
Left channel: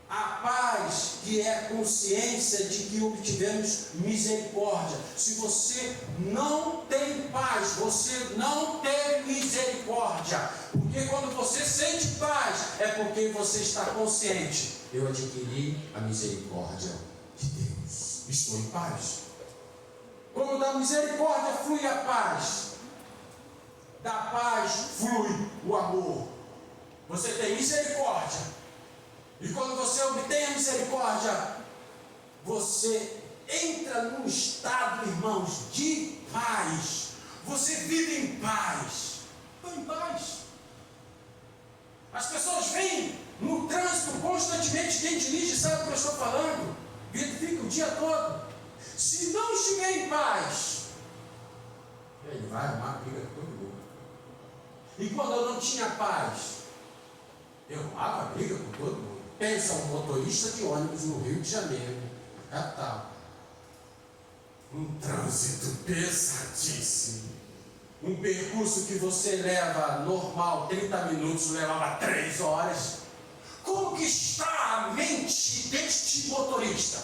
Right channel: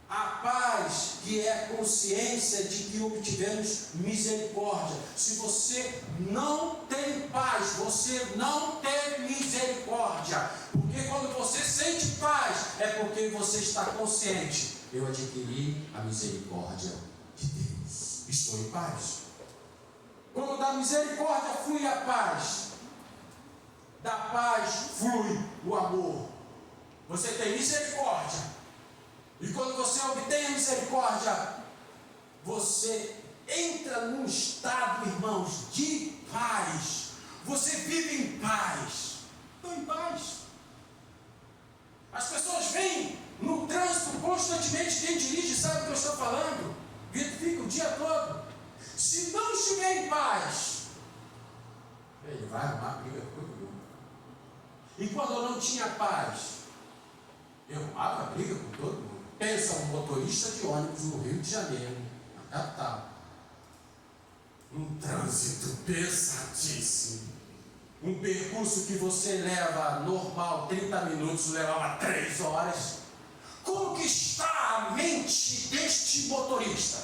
A paz, que é a consciência de que obtivemos misericórdia. Se você não tem paz, você não tem misericórdia. Porque quando você sente paz, é porque você está consciente. Eu adquiri a misericórdia de Deus. Estou em paz. Quando da misericórdia flui a paz, da paz flui o amor. Você tem misericórdia. E quando você obtém a misericórdia, você entra num estado, irmãos, de paz. Você vive em paz. Estou em paz. As pessoas vêm no trânsito constantemente. Quem dirige sabe o que eu estou falando. Fica o dia todo. Se não estiver em paz, ele vai arrumar briga com todo mundo. E quando eu não tinha paz, eu arrumava briga com todo mundo. Pensa um motorista de ônibus no Rio de Janeiro, capital. Um trânsito pesadíssimo. Um percurso que você leva normal 30 minutos, levava 3 horas. Como que está a mente deste motorista?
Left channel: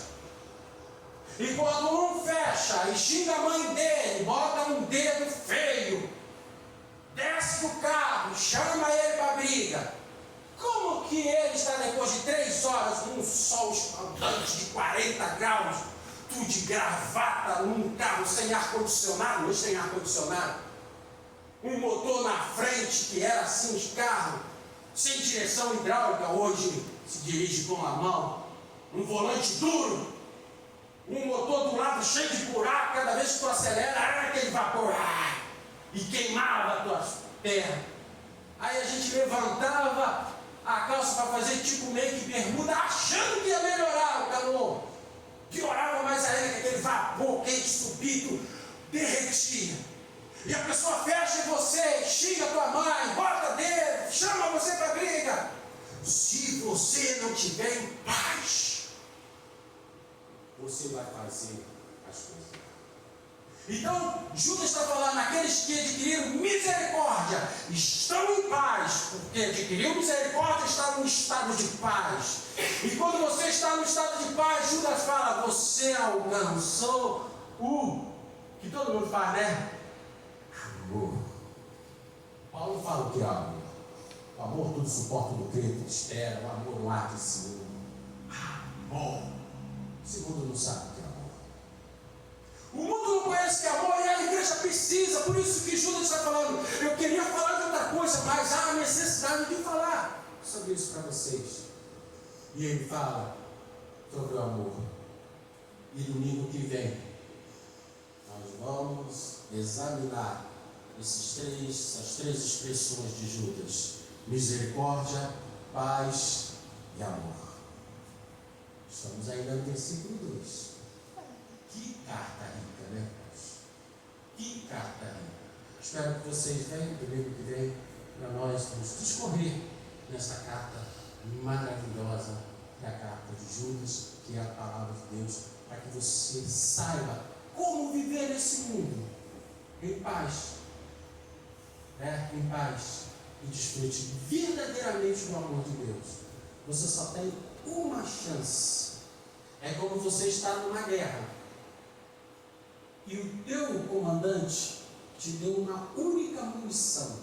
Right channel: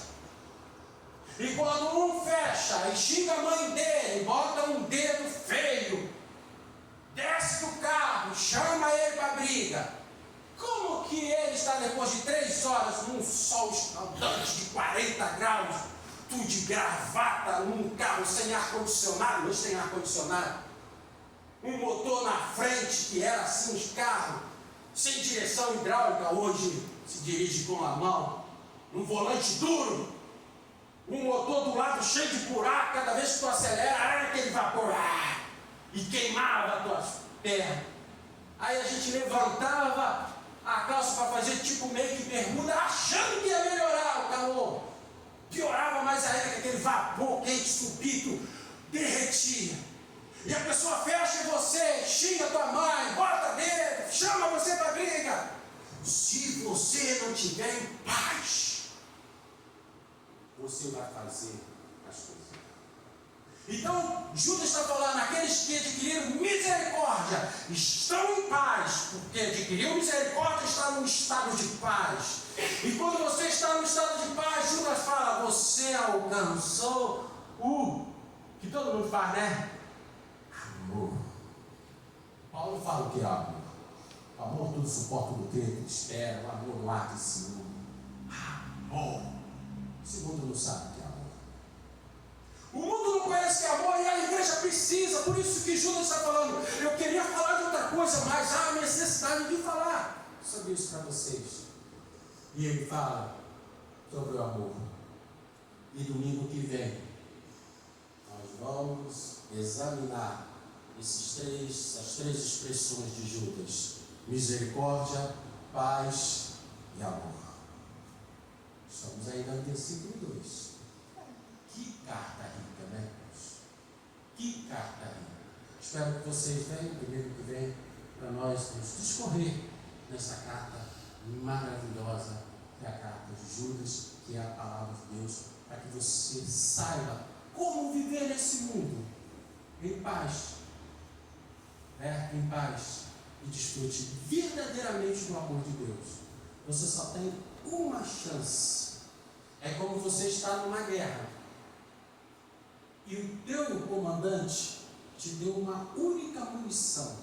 E quando um fecha e xinga a mãe dele, bota um dedo feio, desce do carro, chama ele para briga. Como que ele está depois de 3 horas num sol escaldante de 40 graus, tudo de gravata, num carro sem ar-condicionado, não tem ar-condicionado, um motor na frente que era assim os carros, sem direção hidráulica, hoje se dirige com a mão, um volante duro, um motor do lado cheio de buraco, cada vez que tu acelera, aquele vapor, e queimava as tuas pernas. Aí a gente levantava a calça para fazer tipo meio que bermuda, achando que ia melhorar o calor. Piorava mais ainda, aquele vapor quente súbito derretia. E a pessoa fecha em você, xinga tua mãe, bota dedo, chama você para briga. Se você não tiver em paz, você vai fazer as coisas. Então, Judas está falando, aqueles que adquiriram misericórdia estão em paz, porque adquiriu misericórdia, está num estado de paz. E quando você está no estado de paz, Judas fala, você alcançou o que todo mundo faz, né? Amor. Paulo fala o que é amor. O amor tudo suporta, do crê, espera, o amor não há que ciúme. Amor. O segundo não sabe o que é amor. O mundo não conhece que é amor e a igreja precisa. Por isso que Judas está falando. Eu queria falar de outra coisa, mas há necessidade de falar sobre isso para vocês. E ele fala sobre o amor. E domingo que vem nós vamos examinar essas três expressões de Judas: misericórdia, paz e amor. Estamos ainda no versículo 2. Que carta rica, né? Que carta rica. Espero que vocês venham domingo que vem para nós vamos discorrer nessa carta maravilhosa, que é a carta de Judas, que é a palavra de Deus, para que você saiba como viver nesse mundo em paz, em paz, e desfrute verdadeiramente do amor de Deus. Você só tem uma chance. É como você está numa guerra e o teu comandante te deu uma única munição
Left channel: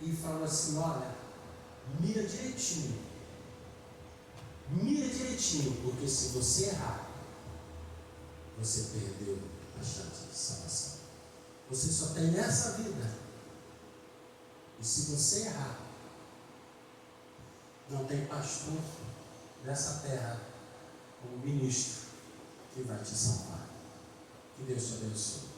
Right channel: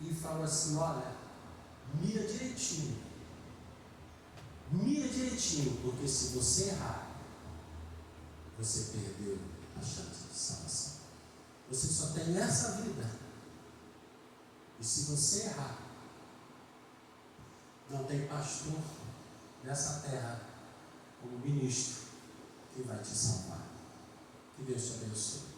e falou assim: olha, mira direitinho, porque se você errar, você perdeu a chance de salvação. Você só tem essa vida, e se você errar, não tem pastor nessa terra como ministro que vai te salvar. Que Deus te abençoe.